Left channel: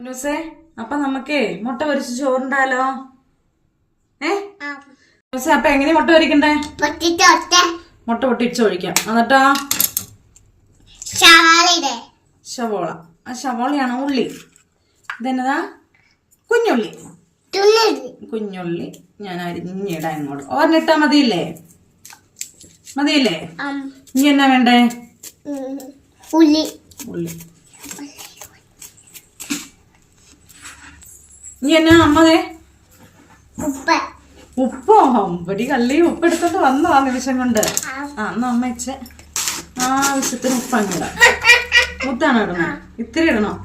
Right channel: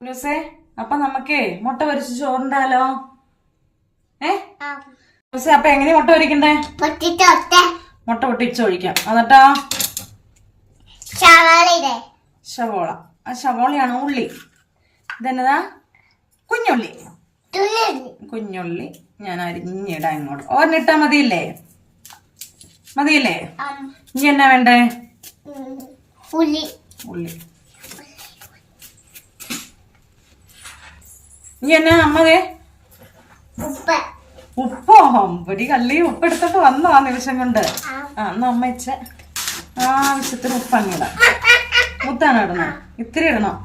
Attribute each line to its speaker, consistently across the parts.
Speaker 1: ന്യൂസേ അപ്പൊ നമുക്കേ മുട്ട പൊരിച്ച് ചോറുണ്ടാലോ? ഏ? ന്യൂസേ അപ്പൊ എങ്ങനെ മുട്ട പൊരിക്കണ്ടേ? മുട്ട പൊട്ടിച്ച് ഒഴിക്കാം എന്നിട്ടോ ശവോള. ആ ശവോളയാണ് ഉള്ളി. ഇതെന്നതാ? കുഞ്ഞുള്ളി. കുഞ്ഞുള്ളി. ഞാൻ അരിഞ്ഞിടാം ഇങ്ങോട്ട്. ഓർന്നിട്ടാ മതിയില്ലേ? മതിയില്ലേ? ഇനി എന്നാ വേണ്ടേ?
Speaker 2: ഉള്ളി.
Speaker 1: ഉള്ളി. ഇനി എന്നാ അമ്മകെ
Speaker 2: ഉപ്പ്.
Speaker 1: ഉപ്പോ? ഒരു കള്ളി ഉപ്പ് എടുത്തിട്ട് വന്നതാ നിമിഷം കൊണ്ട്. ആ. എന്നാ അമ്മ ഇച്ച. ആവശ്യത്തിന് ഉപ്പ് അങ്ങ് ഇടാം. മുത്താണ് ഇടണം. ഇത്തിരി ഇടണം?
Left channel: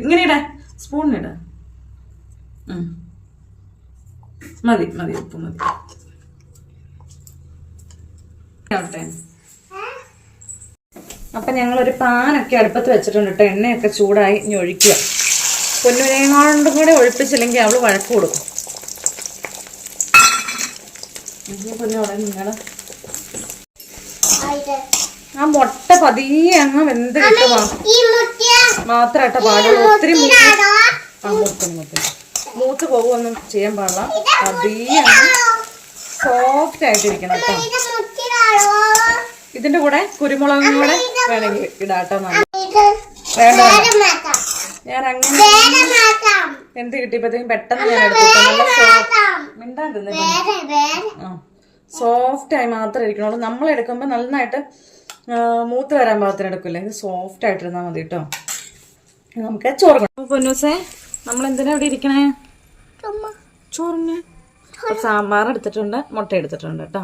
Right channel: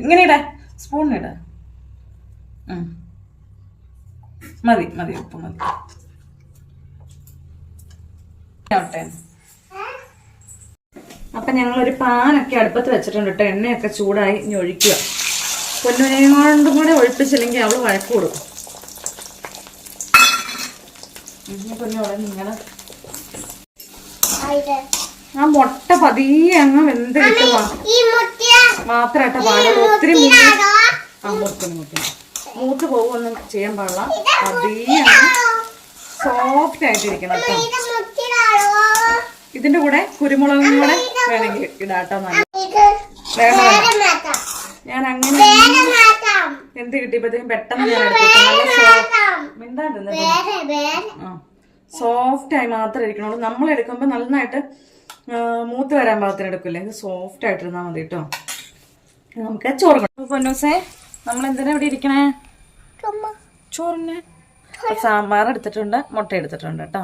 Speaker 1: ഇങ്ങനെ ഇട. സ്പൂണിനിട. മതി മതി ഉപ്പ് മതി. ആവട്ടെ. അപ്പൊ ഞങ്ങളൊരു പാനൊക്കെ അടുപ്പത്ത് വെച്ചിട്ടുണ്ട് കേട്ടോ എണ്ണയൊക്കെ ചൂടായി ഇനി ഒഴിക്കുക. പൊന്നുവിനെ കൊണ്ടും കൂടെ ഒഴിപ്പിച്ചില്ലെങ്കിൽ അവൾ വഴക്ക് കൊടുക്കും. ആ മുട്ട പതിയെ അങ്ങ് വെന്ത് കിട്ടുക മാത്രമായിട്ട് പാടുള്ളൂ. ഒത്തിരി മൂത്ത്
Speaker 2: ഇതാണോ?
Speaker 1: ആ മൂത്ത് മൂത്ത് മൂത്ത് പോകുമൊന്നും ചെയ്യാൻ പാടില്ല. പതിയെ അങ്ങ് സോഫ്റ്റ് ആയിട്ടിരിക്കണം കേട്ടോ. ഇതിന്റെ കൂടെ കുരുമുളകും കൂടെ വേണമെങ്കിൽ ഇടാട്ടോ നല്ല വേണ്ട. ഞാൻ അങ്ങനെ. എന്ത് കിട്ടിയപ്പോഴത്തേക്കും പെട്ടെന്ന് ഞാൻ എടുത്തിട്ട് നല്ല സോഫ്റ്റ്. മിണ്ടാണ്ടിരുന്നേ ആയി മാത്രമേ ഇരിക്കണുള്ളൂ. നമ്മൾ എടുക്കുമ്പോൾ നന്നായിട്ട് മൂത്ത് വരാൻ പാകത്തിന് എടുക്കില്ലേ? ഇത് സോഫ്റ്റ് ആയിട്ടിരുന്നാൽ മതി കേട്ടോ നമുക്ക് ചോറ് പൊന്നൂസേ നമ്മൾ എന്തിനാ ഇവിടെ ഇരിക്കണേ. ചോറിന്. സാമ്പാർ എടുത്തിട്ടുണ്ട് മുട്ട എടുത്തിട്ടുണ്ട് കേട്ടോ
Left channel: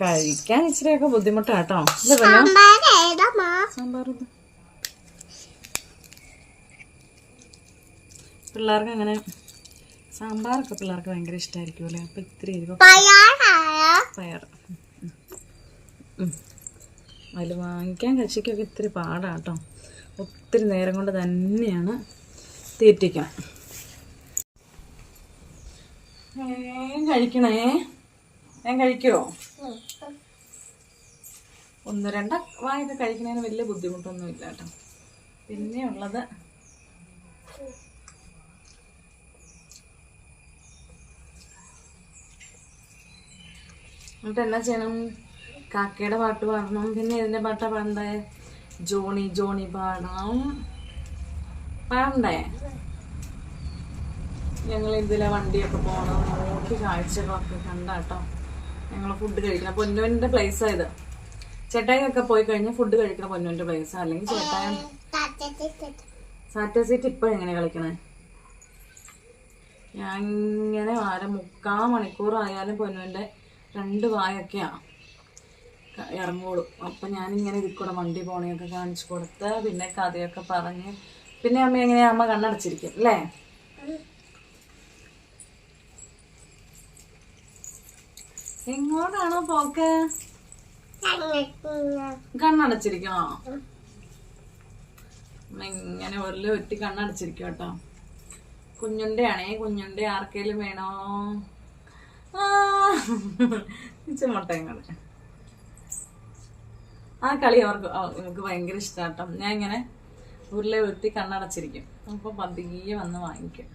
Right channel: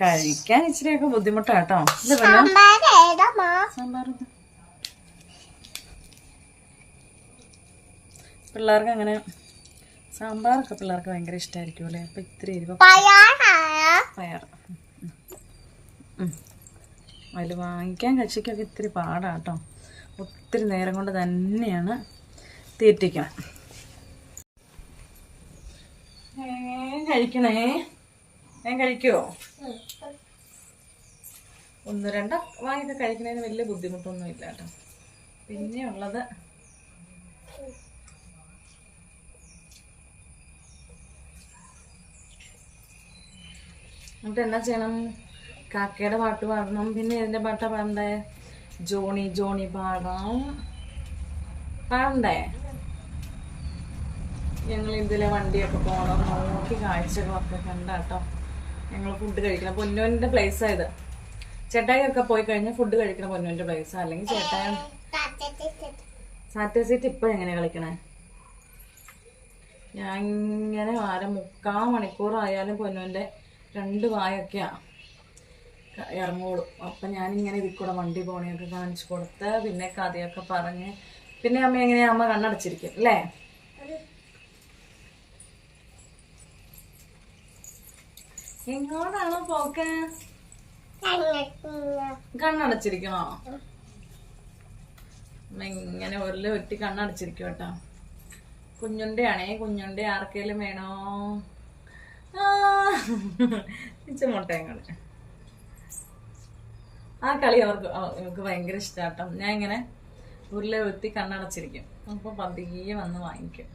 Speaker 1: കഴിക്കാൻ ഇച്ചിരിയൊക്കെ പൊന്നു?
Speaker 2: സാമ്പാർ ഏതാ
Speaker 1: സാമ്പാർ ഇത്. പിള്ളേർക്ക് അങ്ങനെ സാമ്പാറൊക്കെ പിള്ളേർക്ക് ഭയങ്കര ഇഷ്ടമായിരിക്കും അല്ലേ? അപ്പം ഇത്തിരി പയർ അതിൽ വാങ്ങിക്കാൻ കക്ഷിക്കൊക്കെ ഇത്തിരി പാടാണ് കേട്ടോ. ഒത്തിരി നേരം കൊണ്ട് തന്നെയാണ് തീറ്റിക്കണം. കഴിക്കണേ? ഞാൻ കഴിക്കുമോ ഒന്ന് രണ്ട്. വായൊക്കെ കഴിക്കണതിന് വലിയ ബുദ്ധിമുട്ടൊന്നും ഇല്ല കേട്ടോ. പിന്നെ എന്നിട്ട് എന്നാ ചെയ്യണം? കാക്കയുടെ പാട്ട് പാടണം. പിന്നെ ഇതിന്റെ പാട്ടാ പാടണ്ടേ? ജോണി ജോണി പാടണം. പാടണ്ടേ? ഞങ്ങൾ ഇതിലെ വണ്ടിയൊക്കെ പോകണം നോക്കി കാഴ്ചകളൊക്കെ കണ്ടാട്ടോ. ഞങ്ങൾ ഫുഡ് കഴിക്കണം. പൊന്നുവിന്റെ പ്ലേസാണ് ഇത്. ചേട്ടായൊക്കെ പോയി കഴിഞ്ഞാൽ ഫുഡ് കഴിക്കണം പൊന്നുവിന്റെ പ്ലേസ് അല്ലെങ്കിൽ ചേട്ടായ സാറ്റേ സീറ്റ് ഇപ്പോൾ എങ്ങനെയാണ് കളിക്കണേ? ഞാൻ ഇങ്ങനെ അര മുക്കാൽ മണിക്കൂറായാലും പൊന്നുവിന്റെ രണ്ട് വായൊക്കെയാ. ക- ഇറങ്ങുള്ളൂ. അപ്പം ഞാനിങ്ങനെ ഇതിൽ കൂടെ വണ്ടി പോണിയൊക്കെ കാണിച്ചു കൊടുത്ത് പിന്നെ കഥയൊക്കെ പറഞ്ഞ് പിന്നെ അമ്മ എങ്ങനെയാ? അമ്മ കണ്ണടച്ചിരിക്കും അല്ലേ? എങ്ങോട്ടാണോ പോക്ക്? കണ്ണടച്ചിരിക്കണോ? ഇങ്ങനെ ഒരു ഒറ്റ കണ്ണടച്ചിരിക്കും കേട്ടോ. കുഞ്ഞുണ്ടയാണേ കുഞ്ഞുണ്ട ആർക്കേലും വേണോ? മുട്ടയും കളി ആ കളി അവർക്ക് എനിക്ക് ഭയങ്കര ഇഷ്ടാട്ടോ. ഞാൻ ഇങ്ങനെ ഉരുളെ വെത്തി കണ്ണടച്ചിരിക്കും. അപ്പൊ പതിയെ വന്ന് വാങ്ങിക്കും.